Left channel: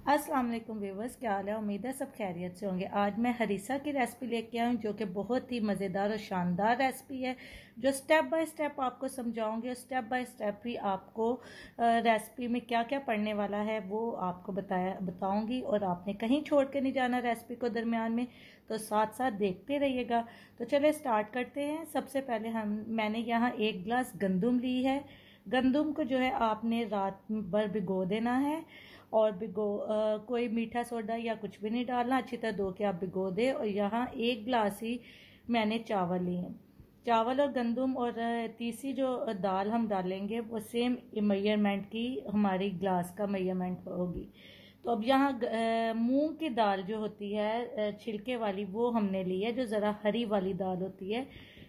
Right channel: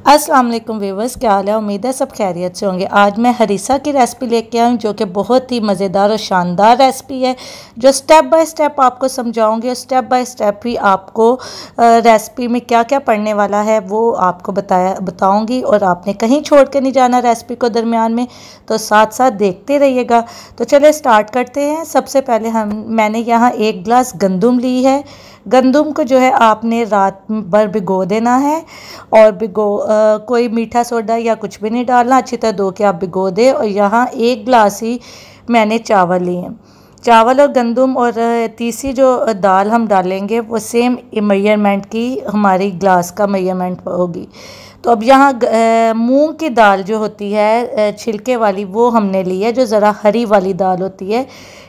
अस्सलाम वालेकुम व्यूवर्स, क्या हाल है। उम्मीद है सब खैरियत से होंगे। आज मैं हरीसा की रेसिपी लेके आई हूँ जो कि बहुत ही मज़ेदार और शानदार रेसिपी है, जो स्टेप बाय स्टेप आपको समझाऊंगी और स्टेप बाय स्टेप ही आपको रेसिपी में क्या क्या पड़ने वाला है वो आपको बताऊंगी। और आपने कहीं छोड़ के नहीं जाना रेसिपी को दरमियान में, तो साथ साथ देखते रहिएगा। तो चलिए स्टार्ट करते हैं। सबसे पहले मैंने यहाँ 1 गिलास गंदम ली है। गंदम को जो है आपने रात भर भिगो देना है और कोई मीठा सोडा या कुछ भी नहीं डालना, अच्छी तरह धो के आप भिगो दें। और यहाँ 1 गिलास ही मैंने चावल लिए हैं। चावल और गंदम और तीसरी जो दाल हम डालेंगे वो सेम मेजरमेंट की हमारी गिलास का मेजरमेंट होगी। तो अब यहाँ मूंग की दाल जो होती है छिलके वाली वो हमने ली है, जो ज़रा हरी वाली दाल होती है।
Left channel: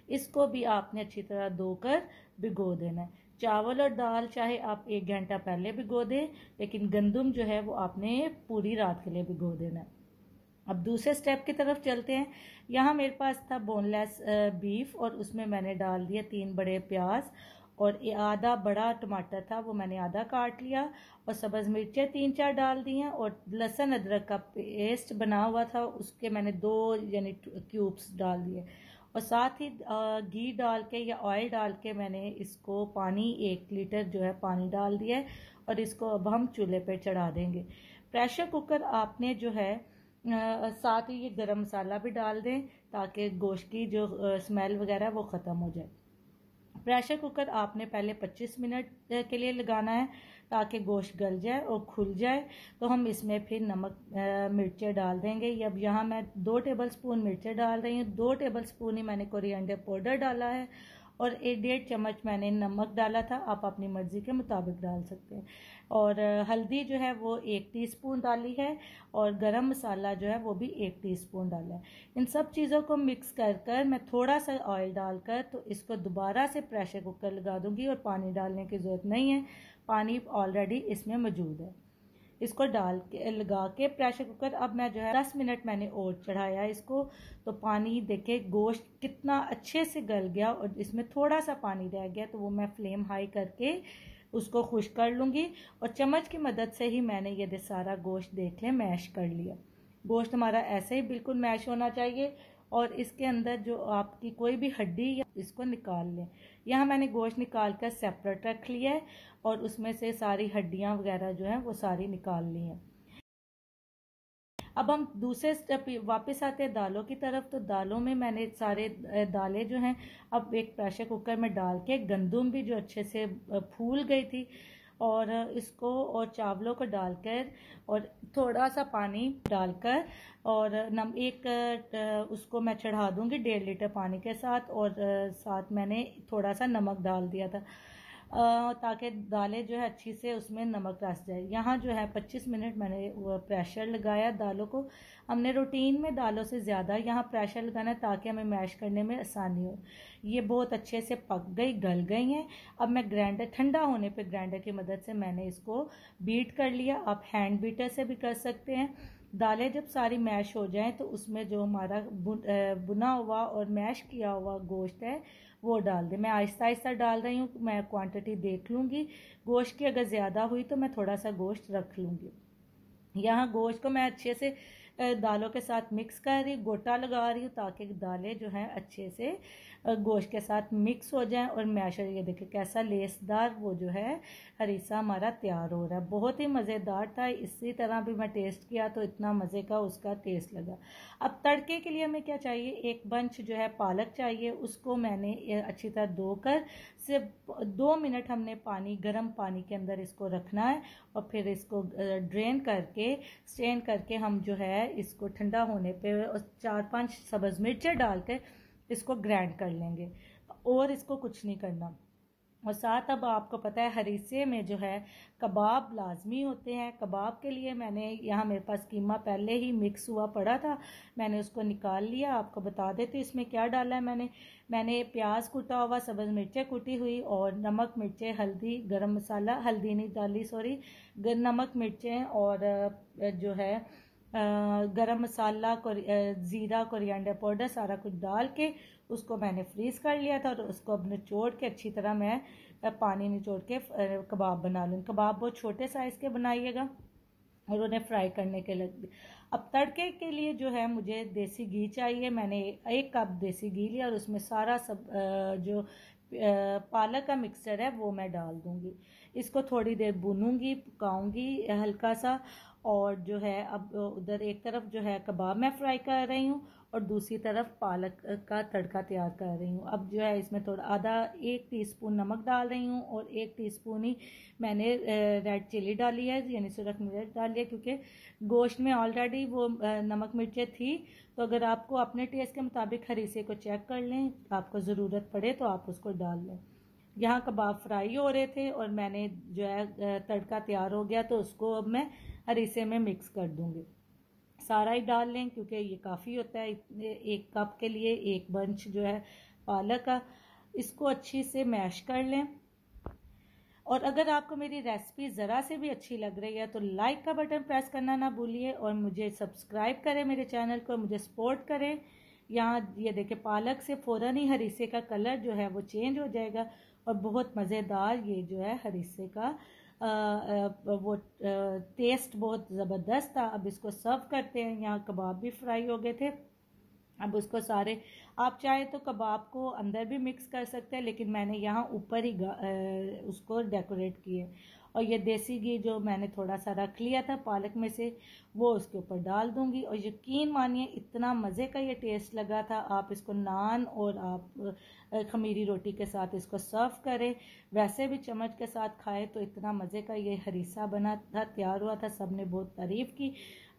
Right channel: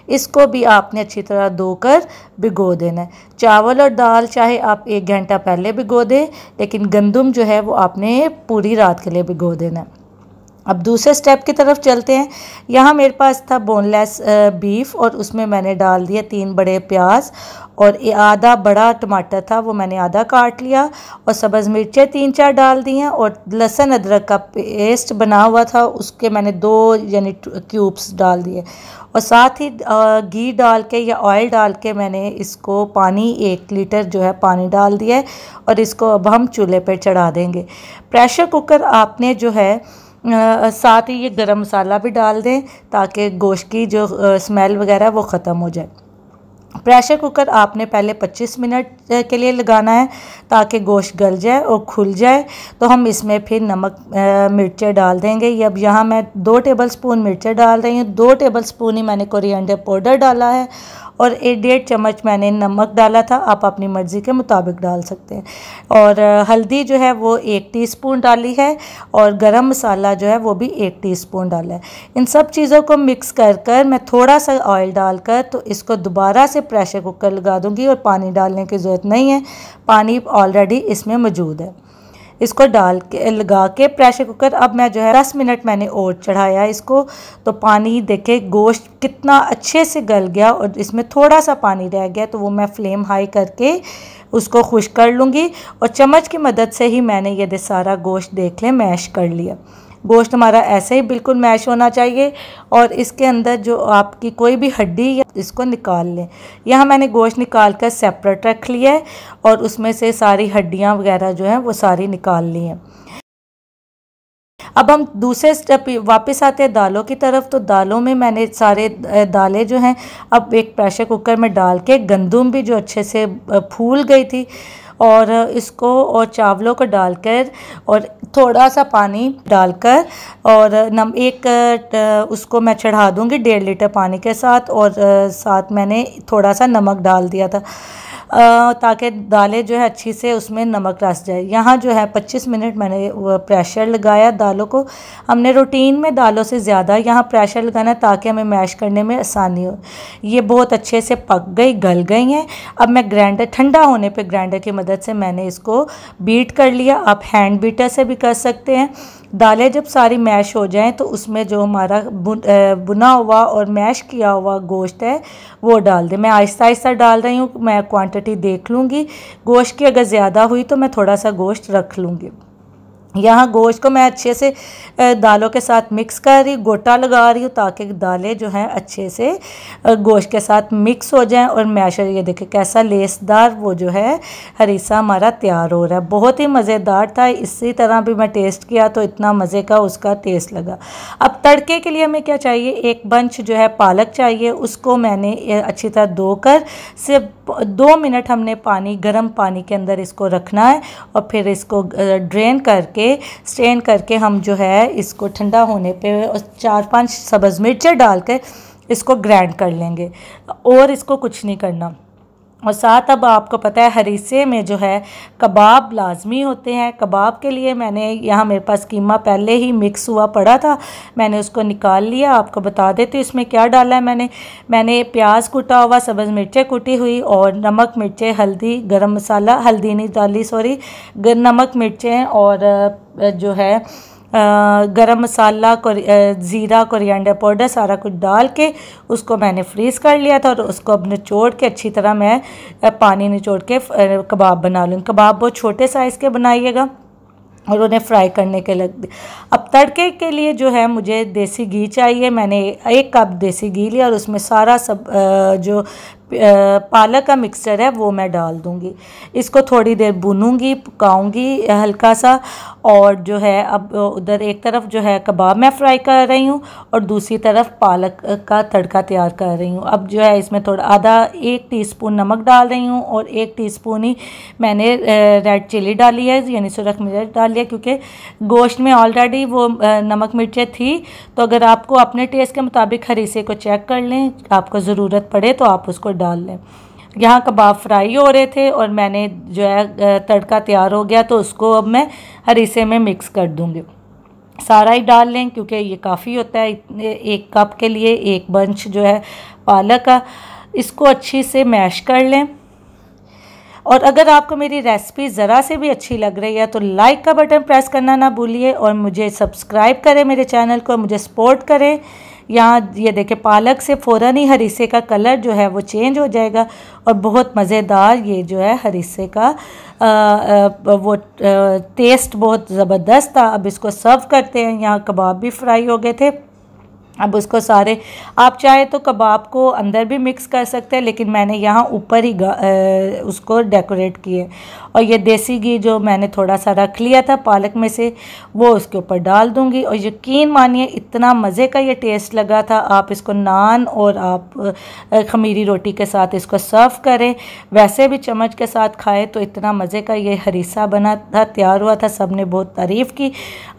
इसको भी आपने अच्छी तरह धोकर भिगो देना है। चावल और दाल चाहे आप 1 घंटा पहले भिगो दें, लेकिन गंदम जो है वो आपने पूरी रात के लिए भिगो देना है। अब दूसरे स्टेप की तरफ चलते हैं। यहाँ मेरे पास था बोनलेस बीफ और उसमें मैंने डाल दिया 3 बड़े प्याज और आधा बड़ा टमाटर था, वो मैंने आधा काट लिया। और सब्ज़ मिर्चें 3-4 डाल दी हैं और लहसुन अदरक का पेस्ट बना हुआ था, उसके मैंने 2 यानी क्यूब्स डाल दिए। और साथ ही घी डाल के या ऑयल डाल के मैंने इसको पानी 1 लीटर जो है पानी डाल दिया है। और इसको अब हम चूल्हे पर चढ़ा देंगे। प्रेशर कुकर आपने जो है साथ ही ये गरम मसाला भी डाल दें ताकि गोश्त की जो स्मेल वगैरह वो ख़त्म हो जाए। प्रेशर कुकर आपने पहले 25 मिनट के लिए लगाना है ताकि गोश्त गल जाए और खुल जाए। तो हम इसमें फिर नमक मिर्चें डाल देंगे। ये अब यहाँ मैं 2 टेबलस्पून मिर्चें डाल रही हूँ, 2 टेबलस्पून ही मैंने कोरिएंडर पाउडर डाला है और 1.5 चम्मच मैंने नमक डाला था। आप अपनी मर्ज़ी के मुताबिक डाल सकते हैं। और हल्दी जो है वो 1 टीस्पून डाली है और गरम मसाला जो है वो भी 1 टीस्पून डाला है। इन सब चीज़ों को मिक्स कर मैं थोड़ा सा ऑयल डालकर तो इसको दोबारा से प्रेशर कुकर लगा दूंगी और पानी डालने की ज़रूरत नहीं है, पानी ऑलरेडी इसमें मौजूद है। इसको डाल के लगा के प्रेशर कुकर अब मैं जो है 10 मिनट मैंने और चढ़ाया इसको। तो पानी देखे गोश्त कितना अच्छे से गल गया और इसमें थोड़ा सा पानी रह गया, तो वो मैं फ्लेम हाई करके उसको खुश्क कर लूँगी। और चम्मच की मदद से ही मैंने ये सारा गोश्त देख लें मैश कर लिया। गोश्त हमारा ऐसे ही बिल्कुल मैश होना चाहिए और इसके अंदर जो आपकी कोई भी हड्डी या इसको निकाल लें। यहाँ मैंने गोश्त निकाल कर सेपरेट रख लिया है और उसमें से सारी हड्डियाँ वगैरह जो हैं वो सारी निकाल ली हैं। अब हम दूसरे स्टेप वापस आते हैं दालों की तरफ। तो दालों में मैंने सारे दालें जो हैं अब एक प्रेशर कुकर में डाल के, गंदम भी जो अच्छे से फूल गई थी और इसको और चावलों को डालकर और थोड़ा सा पानी डालकर और उसको मैं चढ़ा दूंगी 1.5 लीटर पानी के साथ। और साथ मैंने थोड़ा सा नमक डाल दिया था ताकि दालें जो है अच्छी से उसमें नमक रस जाए। यहाँ जो है 25 मिनट मैंने प्रेशर लगाया दालों को। हमने रूटीन में दालों से ज़्यादा यहाँ प्रेशर लगाना ताकि हमें मैश करने में आसानी हो। ये बहुत अच्छे से पक गई, गल गई हैं। अब मैं ग्राइंडर ठंडा होने पे ग्राइंडर की मदद से मैंने इसको बीट कर लिया। आप हैंड बीटर से भी कर सकते हैं। दालें जब सारी मैश हो जाएं तो उसमें जो हमारा बुना हुआ और मैश किया हुआ गोश्त है वो डाल दें। मैं आहिस्ता आहिस्ता डाल रही हूँ, मैं क्वांटिटी देख लूँगी। गोश्त की अगर ज़्यादा हुई तो मैं थोड़ा सा गोश्त रख लूँगी। यहाँ गोश्त को मैं अच्छे से दालों के साथ मिक्स कर रही, गोटा लगा रही हूँ ताकि दालें जो हैं अच्छे से गोश्त के साथ मिक्स हो जाएं और मैशर ये देखें कैसा लेसदार वो जो है हरीसा हमारा तैयार हो रहा है। बहुत ही मज़ेदार था। इसी तरह भी मैं टेस्ट किया तो इतना मज़े का उसका टेस्ट लगा। अब तड़के के लिए हमें क्या चाहिए, 1 बंच जो है पालक चाहिए। उसको मैंने अच्छी तरह धोकर सिर्फ 2 मिनट हमने गर्म पानी के अंदर इसको रखना है और फिर इसको ड्रेन करके स्ट्रेन करके हम जो है इसको ठंडा होने पे 4-5 सब्ज़ मिर्चें डाल के इसको ग्राइंड कर लेंगे और इसको कुछ नहीं करना। और साथ अब आपको पता है हरीसे में जो है कबाब लाजमी होते हैं। कबाब के लिए मैंने यहाँ मेरे पास कीमा पहले ही मिक्स हुआ पड़ा था, मैंने उसको निकाल लिया। आपको बता देती हूँ इसमें क्या डाला है। मैंने प्याज कुटा हुआ, सब्ज़ मिर्चें कुटी हुई और नमक, मिर्चें, हल्दी, गरम मसाला, हल्दी नहीं डाली सॉरी, नमक, मिर्चें और जो है गरम मसाला, ज़ीरा, कोरिएंडर पाउडर सारा कुछ डाल के उसको मैंने फ्रीज़ कर लिया था। और उसको अब निचोड़ के अच्छी तरह मैं पानी निचोड़ के कबाब बना लूँ। कबाब बहुत छोटे साइज़ के बनाइएगा और उन्हें फ्राई करने के लग। अब तड़के के लिए जो है मुझे देसी घी चाहिए। मैंने 1 कप देसी घी लिया और उसमें सारा सब जो पालक का मिक्सचर है वो मैं डाल दूंगी। इसको थोड़ी देर भूनूंगी, पकाऊंगी हल्का सा। और जो है अब उधर एक तरफ जो है कबाब मैं फ्राई कर रही हूँ और दूसरी तरफ पालक का तड़का तैयार कर रही हूँ। अब जो है इसमें थोड़ा आधा 1 टीस्पून नमक डाल रही हूँ और 1 टीस्पून ही मैंने रेड चिली डाली है, यानी सुरख मिर्च डाली है, क्योंकि गोश्त में ऑलरेडी वो नमक मिर्चें थी। तो अगर आपको अपने टेस्ट के मुताबिक हरीसे को चेक कर लें, आपको ज़रूरत पड़े तो आप उसको डाल लें। यहाँ कबाब फ्राई हो रहे थे और मैंने जो है तड़का तैयार हो गया, तो उसको अब मैं हरीसे में मिक्स कर दूँगी। सारा ही डाल लें क्योंकि ये काफ़ी होता है, 1 कप के लिए 1 बंच जो है पालक का। इसको अच्छी से मैश कर लें। और अगर आपको मेरी रेसिपी ज़रा से भी अच्छी लग रही है तो लाइक का बटन प्रेस करना ना भूलिए और मुझे सब्सक्राइब करें मेरे चैनल को, मुझे सपोर्ट करें। यहाँ ये देखें पालक से फ़ौरन ही हरीसे का कलर जो है वो चेंज हो जाएगा और बहुत मज़ेदार ये जो है हरीसे का वो टेस्ट बहुत ज़बरदस्त था। अब इसको सर्व करते हैं। यहाँ कबाब भी फ्राई हो गए थे। अब उसको सारे, आप चाहे तो कबाब को अंदर भी मिक्स कर सकते हैं, लेकिन मैंने यहाँ ऊपर ही उसको डेकोरेट किए। और ये देसी घी जो मैंने थोड़ा सा रख लिया था पालक में से, वो उसके ऊपर डाल दूँगी। और यकीन मानिए इतना मज़े का ये टेस्ट लगा था। आप इसको नान और आप खमीरी रोटी के साथ इसको सर्व करें, वैसे भी चम्मच के साथ खाएं तो इतना मज़े का ये हरीसा बना था, तैयार हुआ था। सब ने बहुत तारीफ़ की।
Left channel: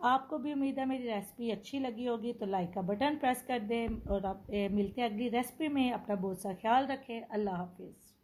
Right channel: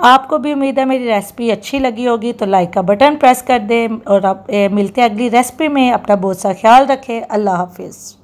आपको भी उम्मीद है मेरी रेसिपी अच्छी लगी होगी, तो लाइक का बटन प्रेस कर दें। और आप मिलते हैं अगली रेसिपी में। अपना बहुत सा ख्याल रखें। अल्लाह हाफिज़।